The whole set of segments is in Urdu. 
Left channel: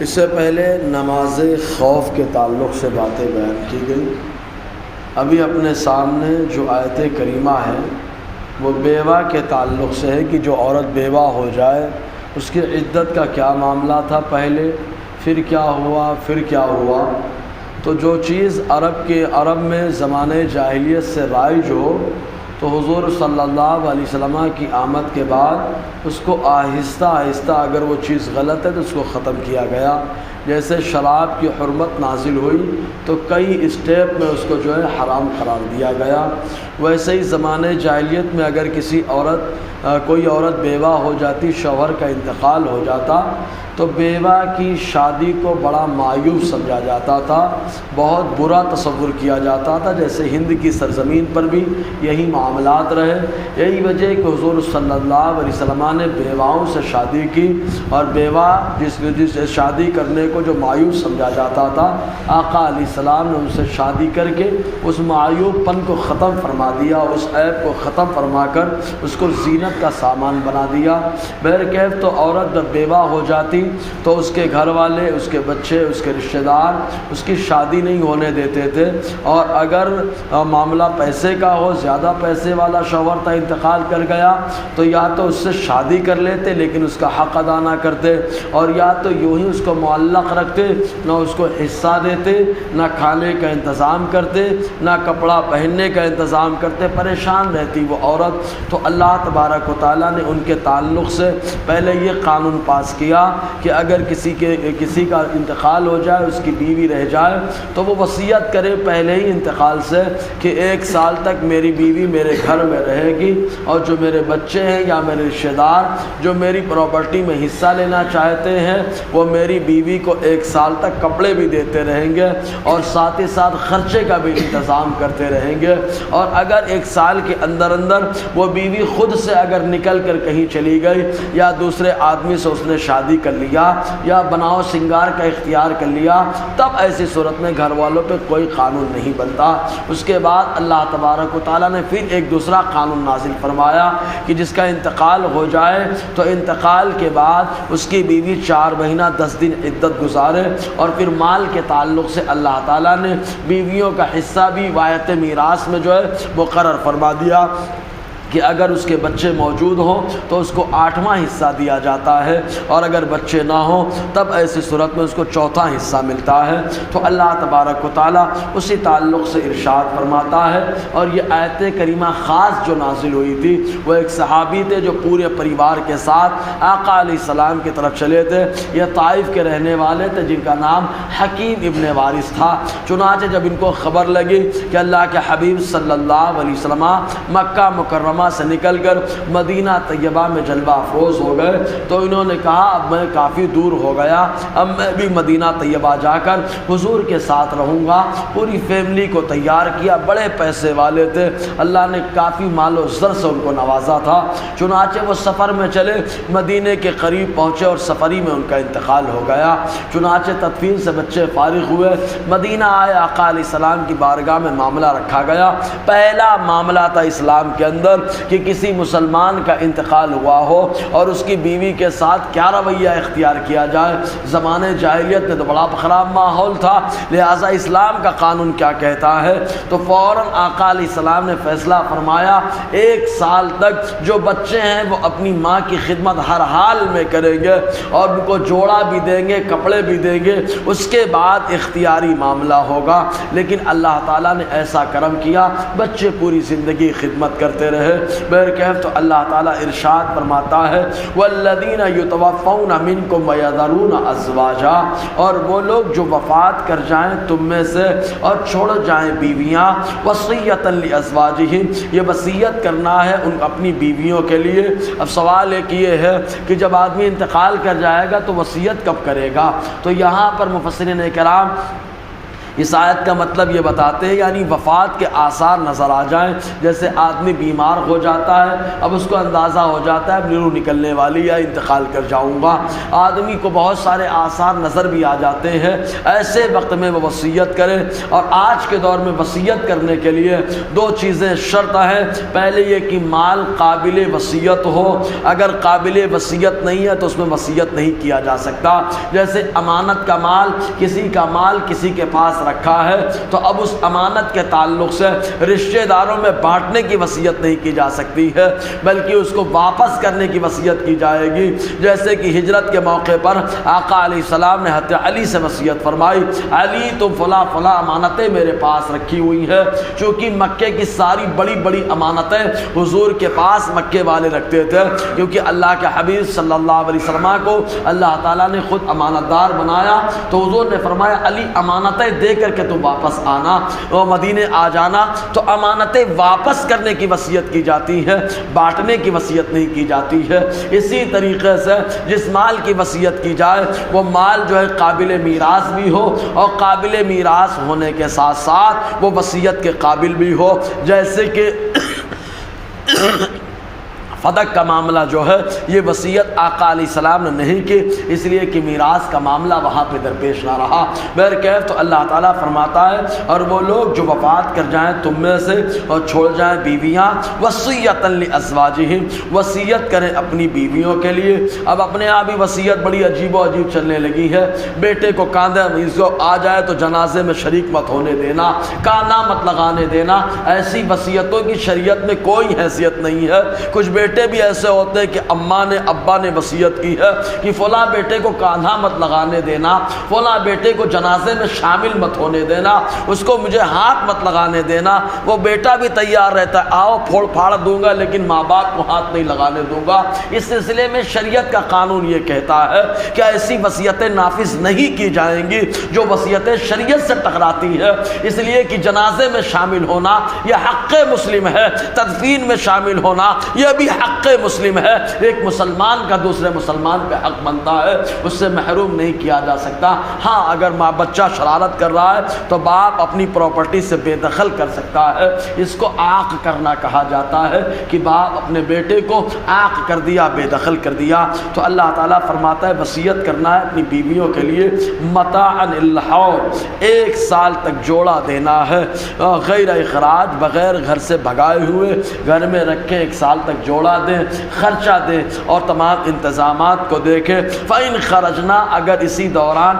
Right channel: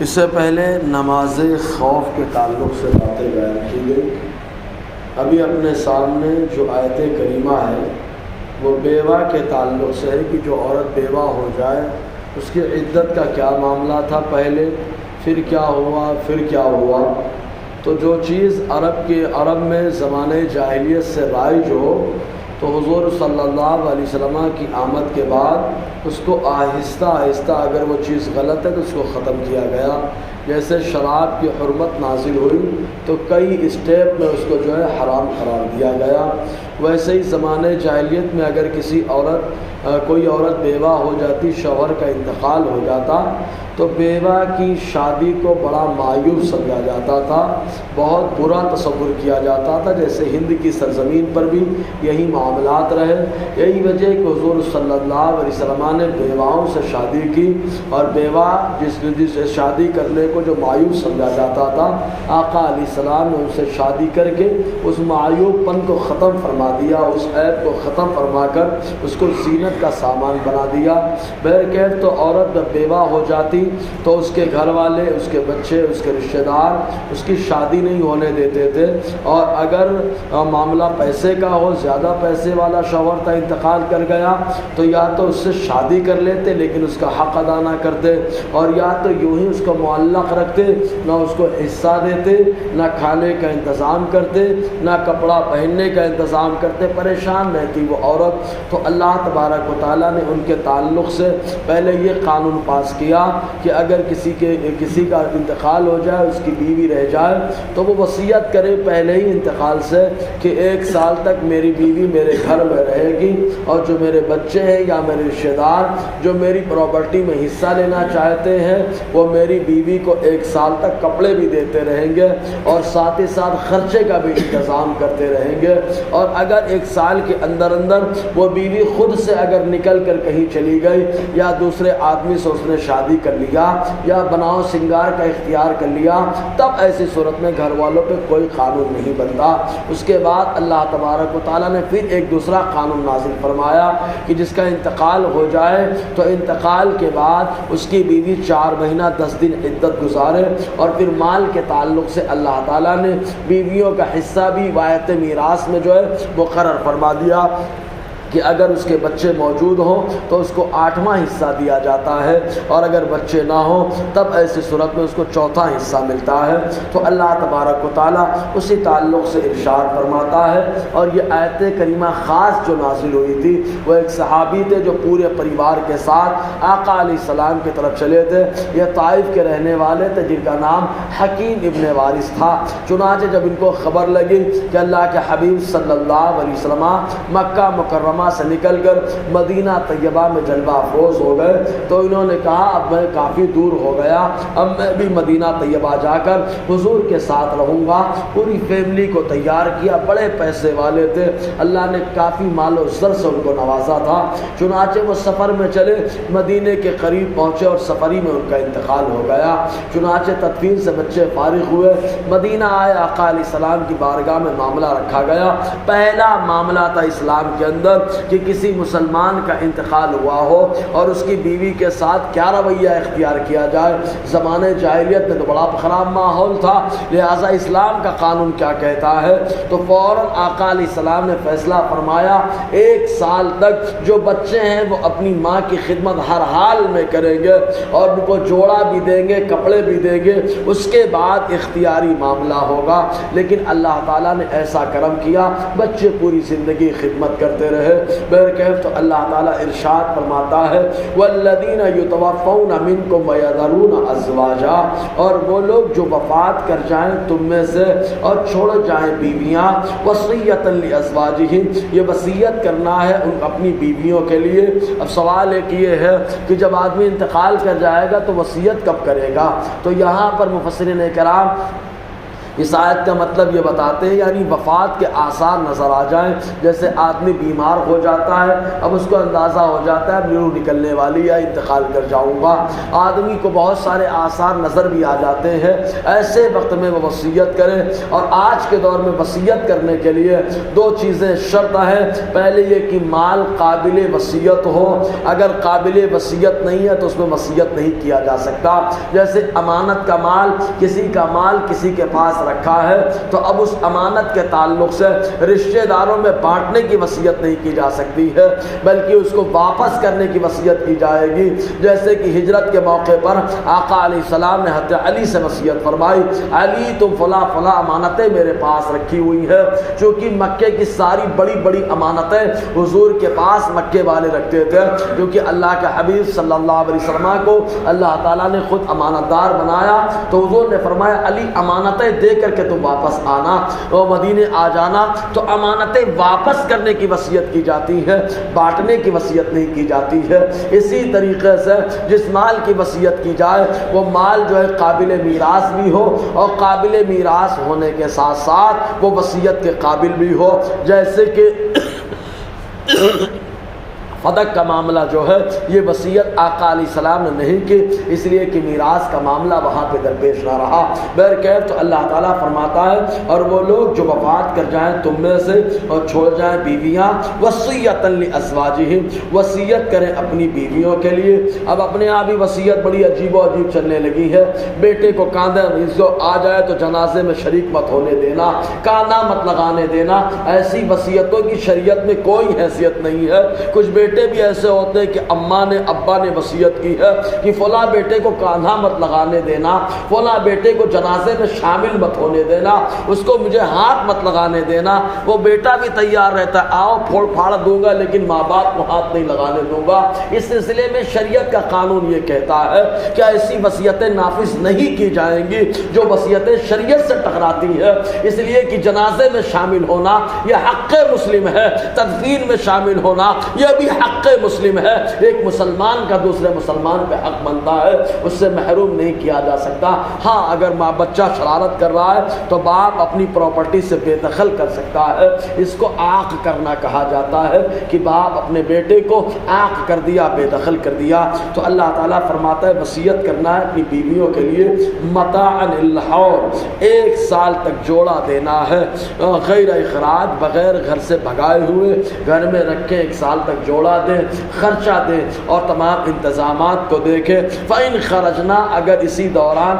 اس سے پہلے نماز خوف کے تعلق سے باتیں بیان کی گئی۔ ابھی اپنے سامنے جو آیت کریمہ ہے وہ بیوہ کے تعلق سے ہے کہ جو عورت بیوہ ہو جائے اس کی عدت کا کیا معاملہ تھا پہلے، پھر کیا ہوا، پھر کیا ہوا۔ تو جو چیز عرب میں زمانے جاہلیت سے رائج ہو تو حضور صلی اللہ علیہ وسلم کی آمد کے بعد اس کو آہستہ آہستہ اگر وہ چیز غلط ہے تو اس کو ختم کیا گیا۔ جیسے شراب کی حرمت نازل ہوئی تو کئی اسٹیپ میں اس کو جو ہے حرام قرار دیا گیا، ویسے ہی زمانے جاہلیت میں اگر کوئی عورت بیوہ ہو جاتی، شوہر کا انتقال ہو جاتا تو بیوہ کی شادی کو بڑا معیوب سمجھا جاتا تھا، بہت برا تصور کیا جاتا تھا۔ جیسے ہند کی سرزمین پر بھی یہی معاملات رہے، یہی وجہ کہ حضور صلی اللہ علیہ وسلم نے بیواؤں سے شادی کی، اور بیوہ جس سے شادی کرنے کو جو معیوب سمجھا جاتا تھا، آقا علیہ السلام نے ان سے شادی کر کے اس معیوب پن کو ختم فرما دیا، اس عیب کو ختم فرما کر اس کو زینت کا سامان بنا دیا۔ بہرکیف تو عورت جب بیوہ ہو جاتی تو اس کے گھر والے، اس کے بچے، اس کے رشتہ دار اس کی شادی نہیں ہونے دیتے تھے، اور اگر معاملہ پیسے کا ہو، زیادہ پیسے والا شوہر تھا، انتقال کر گیا تو یا تو اس سے شادی کر لیتے لیکن اس کا حق ادا نہ کرتے، اور یا تو یوں ہی اس کو معلق رکھتے، نہ اس کو حصہ دیتے، نہ کھانے کا انتظام کرتے، نہ کپڑا پہننے کا انتظام کرتے، پریشان رہتی وہ عورت۔ تو اللہ تبارک و تعالیٰ نے ان کے تعلق سے پہلے یہ قانون پاس کیا کہ اگر کسی کا انتقال ہو جائے، اس کی بیوی رہ جائے تو وہ وصیت کرے پہلے ہی انتقال سے کہ 1 سال تک میری بیوی میرے گھر میں رہے گی، اور جو میرے بچے ہیں یا میرے رشتہ دار جو میری پراپرٹی میں حصہ لینا چاہتے ہیں وہ میری بیوی کو 1 سال تک کپڑے بھی دیتے رہیں گے، اور ساتھ ہی ساتھ خرچے کا بھی انتظام کرتے رہیں گے۔ اور اگر 1 سال کے اندر وہ بیوی خود سے اگر نکل کر کہیں چلی گئی، یا دوسرے آدمی سے اس نے شادی کر لیا، یا بناؤ سنگار کا اختیار کر لیا، تب ایسی صورت میں گھر والوں پہ کوئی قانون نہیں بنتا۔ اس کے بعد اللہ تبارک و تعالیٰ نے پھر ایک دوسرا قانون نازل فرمایا کہ جس کا انتقال ہو جائے تو انتقال کے بعد اس کی بیوی 4 مہینہ 10 دن عدت گزارے، اور پھر مال کے تعلق سے اللہ تعالیٰ نے بیویوں کا حصہ بھی وایت میراث میں جو ہے مقرر فرما دیا کہ اگر اس کے بچے موجود ہوں تو اس کو 8واں حصہ دیا جاتا ہے، اور اگر بچے نہ ہوں تب ایسی صورت میں اس کو 4تھا حصہ ملتا ہے۔ تو اللہ تبارک و تعالیٰ اسی تعلق سے ارشاد فرماتا ہے، اور یہ آیت کریمہ خاص جو نازل ہوئی تھی وہ ایک صحابی تھے جو پورے پریوار کے ساتھ آقا علیہ السلام کی طرف چلے تھے۔ یہ طائف کے رہنے والے تھے جن کا نام حکیم ابن وارث تھا۔ چنانچہ جب ان کو خبر لگی کہ اللہ کے حبیب صلی اللہ علیہ وسلم مکہ مکرمہ سے نکل کر مدینہ طیبہ میں جلوہ افروز ہو گئے تو انہوں نے کہا اب میں کافی دور ہو گیا، اب میں بھی مدینہ طیبہ جا کر حضور کے ساتھ رہوں گا۔ پوری فیملی کو تیار کیا، بڑے پیسے والے تھے، اللہ نے کافی مال و زر سے ان کو نوازا تھا۔ چنانچہ وہ سفر میں چلے، مدینے کے قریب پہنچے اور سفری میں ان کا انتقال ہو گیا۔ چنانچہ تدفین سے بچے فارغ ہوئے، مدینہ آئے، آقا علیہ السلام کی بارگاہ میں معاملہ رکھا گیا۔ پہلا معاملہ تھا اسلام کے اندر کہ کسی مسلمان کا انتقال ہوا ہو اور اس کی بیوی کے ساتھ کیا رویہ اختیار کیا جائے۔ زمانے جاہلیت میں تو بڑا خراب ماحول تھا، لہٰذا اسلام کا قانون کیا کہتا ہے تو فوراً آقا علیہ السلام نے فیصلہ فرمایا 1 سال تک جو بچے ہیں وہ اپنی ماں کی خدمت ہر حال میں کریں گے، اور ان کو جوڑا بھی دیں گے، کپڑے بھی دیں گے، اس کے بعد اختیاری معاملہ ہوگا۔ لیکن اللہ تعالیٰ نے ایسا کرم کیا، بچے پوری زندگی خدمت کرتے رہے۔ بہرکیف تو اللہ تعالیٰ ارشاد فرماتا ہے والذین یتوفون منکم ویذرون ازواجا، اور وہ لوگ جو وفات کر جائیں تم میں سے اور چھوڑ جائیں بیویاں، وصیۃ لازواجہم، یہ وصیت کرنا ہے ان اپنی بیویوں کے لیے۔ اب سوال ایک یہ ہے کہ جب آدمی انتقال کر جائے گا تو وصیت کب کرے گا؟ تو یہاں پر مفسرین کرام اس آیت کا مطلب یہ بتاتے ہیں یعنی وفات کے آثار نظر آ جائیں، جیسے آدمی بیمار ہو جاتا ہے، اب اس کو اندازہ ہو جاتا ہے اب روح نکلنے والی ہے، انتقال کر جاؤں گا، آدمی کو بہت سارے آثار نظر بھی آ جاتے ہیں، ایسے وقت میں وہ وصیت کرے۔ اور آج کے دور میں وصیت کرنے کے لیے دو چیزیں شرط ہیں، پہلے یہ کہ مال قابل وصیت ہو، اگر قابل وصیت نہیں ہے تو اس میں وصیت نہیں کیا جا سکتا۔ جیسے امانت کا مال، کسی کا مال کسی کے پاس رکھا ہے تو اب اس امانت کے تعلق سے رشتہ داروں میں بانٹنے کی وصیت نہیں کی جا سکتی ہے، بلکہ اس کو واپس کرنے کی وصیت کی جائے گی۔ جیسے کہ ہجرت کے موقع پر آقا علیہ السلام نے حضرت علی سے وصیت فرمائی، علی تم فلاں فلاں امانتیں میرے پاس رکھی ہوئی ہے، چونکہ مکے کی ساری بڑی بڑی امانتیں حضور کے پاس مکے والے رکھتے تھے، کیونکہ اللہ کے حبیب صلی اللہ علیہ وسلم کو اللہ تعالیٰ نے خود امانت دار بنایا، تو حضور نے فرمایا علی امانتیں دے کر کے تم واپس آنا، وہ مدینے آ جانا۔ تو امانتیں واپس کرنے کی وصیت کی جاتی ہے، بانٹنے کی وصیت نہیں کی جاتی ہے۔ اسی طریقے سے جس مال کی وصیت کی جائے وہ مال جو ہے قابل میراث بھی ہو، اور قابل میراث ہونے کے ساتھ ساتھ وہ وصیت کے قابل بھی ہو۔ جیسے کہ فدق کا معاملہ جو ہے یہ وصیت آقا علیہ السلام نے نہیں کی، اس لیے کہ میراث کا معاملہ وہاں پہ درپیش نہ رہا۔ بہرکیف تو اللہ تعالیٰ فرماتا ہے اور وہ لوگ جو وفات کر جائیں تم میں سے اور چھوڑ جائیں بیویاں، وصیۃ لازواجہم، وصیت کریں اپنی بیویوں کے لیے۔ اب اپنے آپ ہی وصیت بڑی عجیب و عجیب چلنے لگی ہے، بیٹے کو کاندھا کو آ جائے تو جنازے میں شریک مت ہونے دینا، کاندھا مت لگانے دینا، ایسی وصیتوں کی شریعت میں کوئی حیثیت نہیں ہے۔ کچھ بیٹے بھی ایسے ہوتے ہیں کہ اماں نے ابا نے وصیت کی ہے کہ فلاں بیٹے کو کاندھا مت لگانے دینا، فلاں بیٹے کو جنازے میں شامل مت ہونے دینا، اس کو مجھے ہاتھ مت لگانے دینا۔ وہ بیٹا بھی تیار رہتا ہے، آؤ پھوڑ پھاڑ دوں گا لیکن ماں باپ کو ہاتھ نہیں لگانے دوں گا۔ اس سلسلے میں شریعت کا قانون یہ کہتا ہے کہ ایسی وصیتیں نافذ نہیں کی جائیں گی جو وصیتیں شریعت سے ٹکراتی ہے، اس لیے کہ جنازے میں شامل ہونا یہ حق مسلم ہے، تدفین میں شامل ہونا یہ بھی حق مسلم ہے۔ ایک مسلمان کا دوسرے مسلمان پہ حق بنتا ہے، اس سے محروم نہیں کیا جا سکتا۔ ہاں اگر ماں بچہ شرارت کر رہا ہے تو باپ اپنی پراپرٹی سے بے دخل کر سکتا ہے، اس کو عاق کرنا کہا جاتا ہے کہ باپ اپنے بیٹے کو عاق کر دیا، بے دخل کر دیا۔ تو اللہ تعالیٰ فرماتا ہے وصیت کرنا ہے اپنی بیویوں کے لیے متاعا للحول، 1 سال تک جوڑا دینا ہے، غیر اخراج، بغیر گھر سے بھگائے ہوئے، گھر میں رکھے 1 سال تک جوڑا دے، خرچہ دے اور تمام انتظامات کو دیکھے۔ فَإِنْ خَرَجْنَا، اگر اسی دوران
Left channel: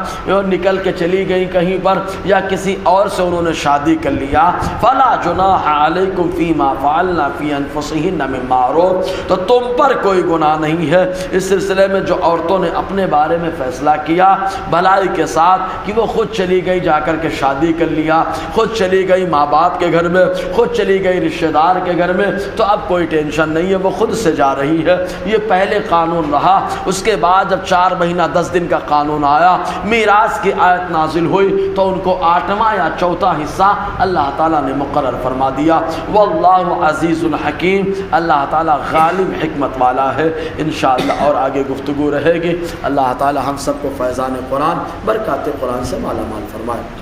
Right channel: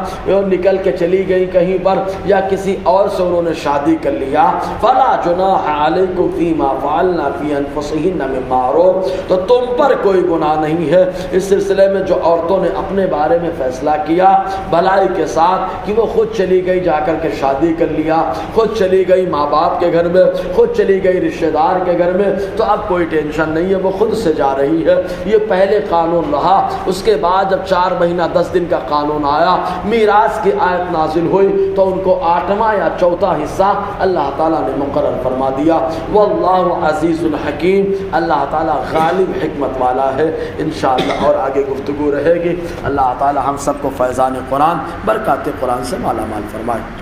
نکل کے چلی گئی کہیں پر یا کسی اور سے انہوں نے شادی کر لیا، فَلَا جُنَاحَ عَلَيْكُمْ فِي مَا فَعَلْنَا فِي أَنفُسِهِنَّ مِن مَّعْرُوفٍ، تو تم پر کوئی گناہ نہیں ہے اس سلسلے میں جو عورتوں نے اپنے بارے میں فیصلہ کیا بھلائی کے ساتھ کہ وہ خود چلی گئی جا کر کے شادی کر لیا، خود چلی گئی ماں باپ کے گھر میں، خود چلی گئی رشتہ دار کے گھر میں، تو اب کوئی ٹینشن نہیں ہے، وہ خود سے جا رہی ہے۔ یہ پہلے قانون رہا۔ اس کے بعد جب 4 مہینہ 10 دن کا قانون آیا، میراث کی آیت نازل ہوئی تو ان کو 8واں یا 4تھا حصہ اللہ تعالیٰ نے مقرر فرما دیا۔ واللہ عزیز الحکیم، اللہ تعالیٰ غالب حکمت والا ہے۔ انشاءاللہ اور آگے گفتگو رہے گی۔ اللہ تعالیٰ ہم سب کو فیضان قرآن، برکات قرآن سے مالا مال فرمائے۔